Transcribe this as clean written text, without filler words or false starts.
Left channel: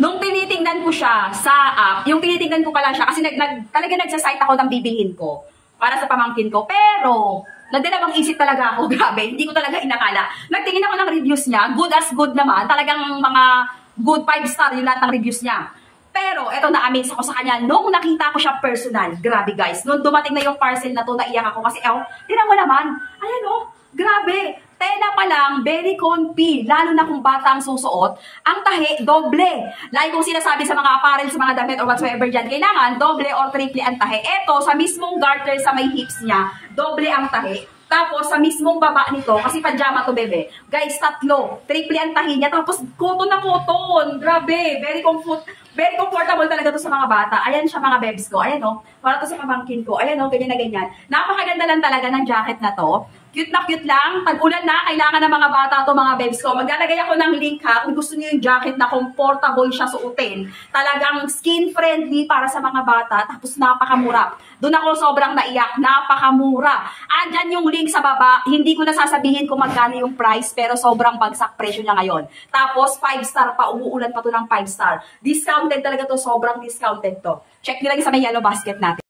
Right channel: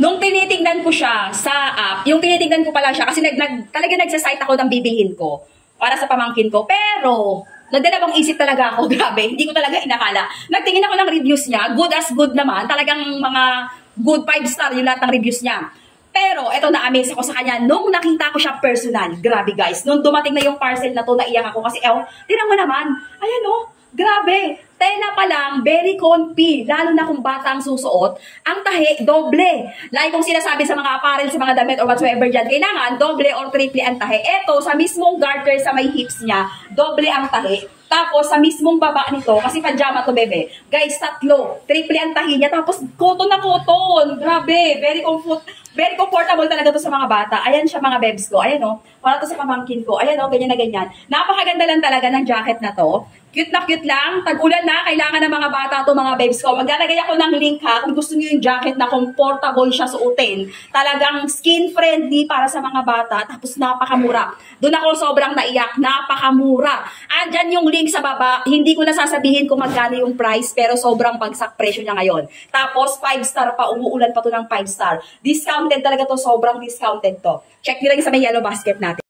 Nung tinitingnan ko siya sa app, yung tinitingnan ko pala siya kasi talaga nagsasite ako ng bibilhin ko para sa pamangkin ko. Pero, nagdalawang isip talaga ako, grabe, hindi ko talaga inakala. Nagtingin ako ng reviews niya, good as good naman, talagang mga good 5 star yung lahat ng reviews niya. Pero, eto na-amaze ako sa kanya, nung nakita ko siya personal, grabe guys, nung dumating na yung parcel na to, naiyak ako kasi, tinan mo naman, ayan grabe, tela pa lang, very comfy, lalo na kung bata ang susuot, ang tahi, doble. Like kung sinasabi sa mga apparel, sa mga damit or whatsoever dyan, kailangan doble or triple ang tahi. Eto, sa mismong garter sa may hips niya, doble ang tahi. Tapos, sa mismong baba nito, kasi pajama to, bebe. Guys, tatlo. Triple ang tahi niya. Tapos, cotton na cotton. Grabe. Very comfortable talaga to sa mga bata. Ayan siya, mga bebs ko. Ayan, para to sa pamangkin ko. Ayan, ganyan na ganyan. Napakaganda lang talaga ng jacket na to. Cute na cute lang. Tag-ulan na, kailangan ng mga bata to, mga babes ko. Maglalagay ako ng link ha, kung gusto niyo yung jacket na comfortable siya suotin. Talagang skin-friendly para sa mga bata, tapos napakamura. Doon ako sobrang naiyak, napakamura. Andyan yung link sa baba. Hindi ko nasasabihin kung magkano yung price, pero sobrang bagsak presyo niya ngayon. Tapos 5 star pa, umuulan pa to ng 5 star. Discounted talaga to, sobrang discounted to. Check nyo lang sa may yellow basket natin.